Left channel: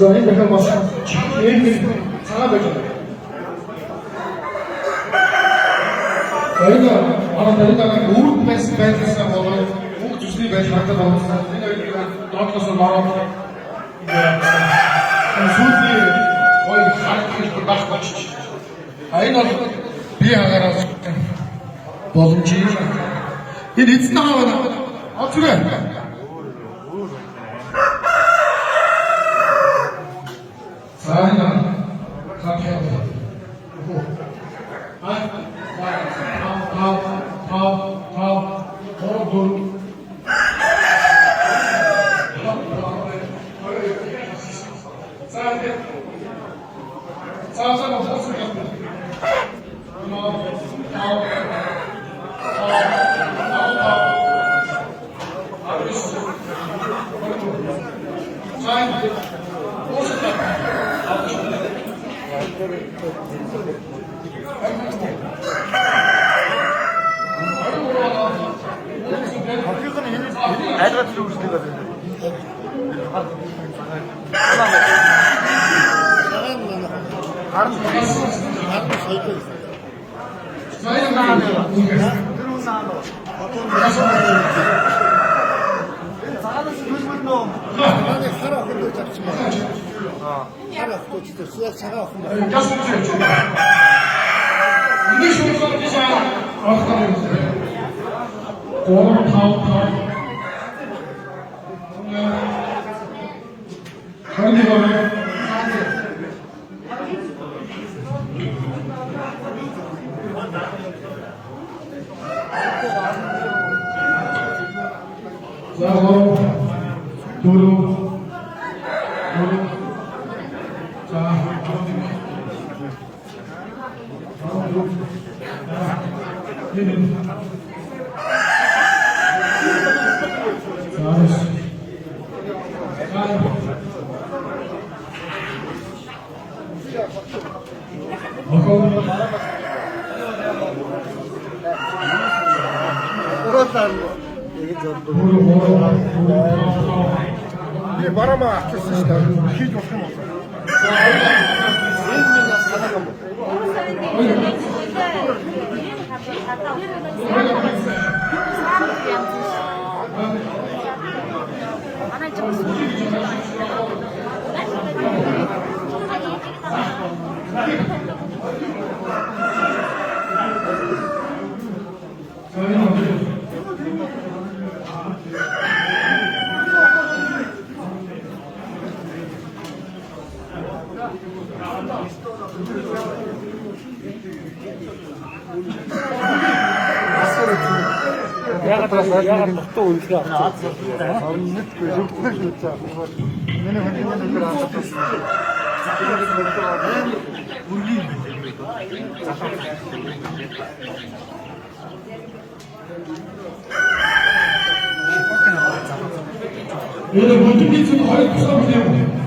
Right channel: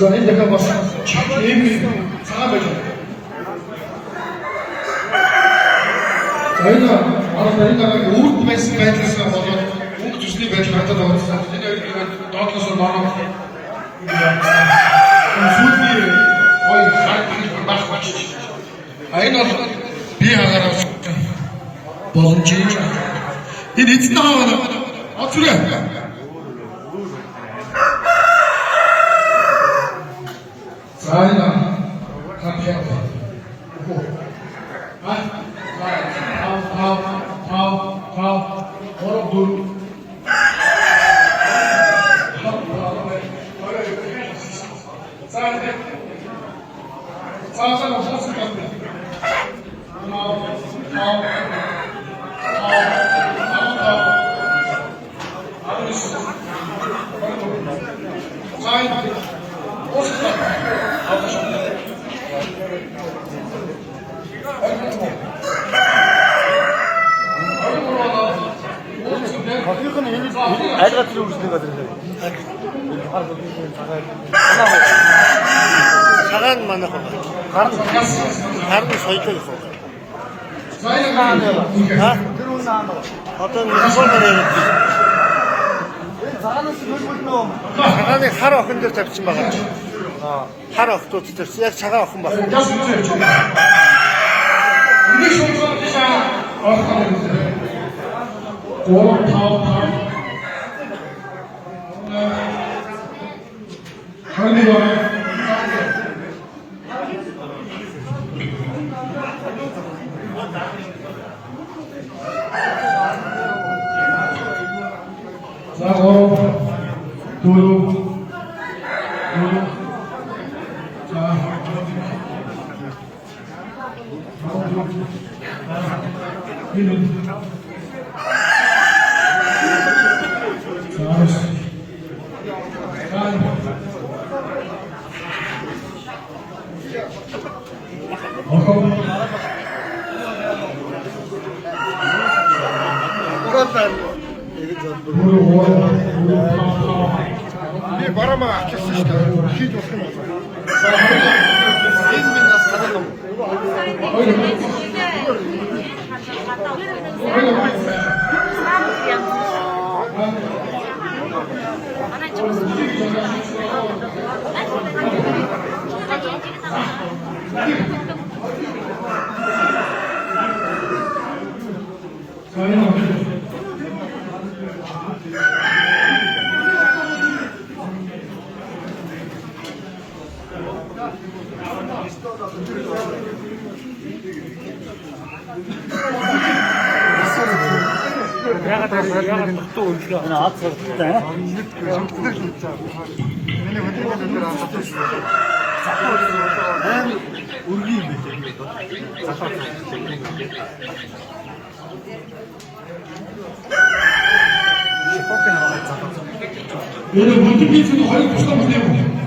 За энэ дахиад бас ийм цагаан байж байна. Энэ манай дараагийн үрд байсан байдлаасаа болоод үг төсний байдал хатад байгаа. Энэ хоёрыг доотлоос нь ороод сүүлийн гоё хатдаг байх гэж. Энэ бол би хагаараа боломж юм. Энэ эцэн аваа оцроо. Сайна капхаа. Цагаан манайх харин соёлтой гэсэн. Одоо нэг цагааны хар охин дээр тавьсан байгаа. Хар охтууд дээр яг цагаан охин баг. Барама авчихсан шүү дээ. Хийж болох юм байна. Энэ минь бас санаа юм. Ini mungkin itu hari pertama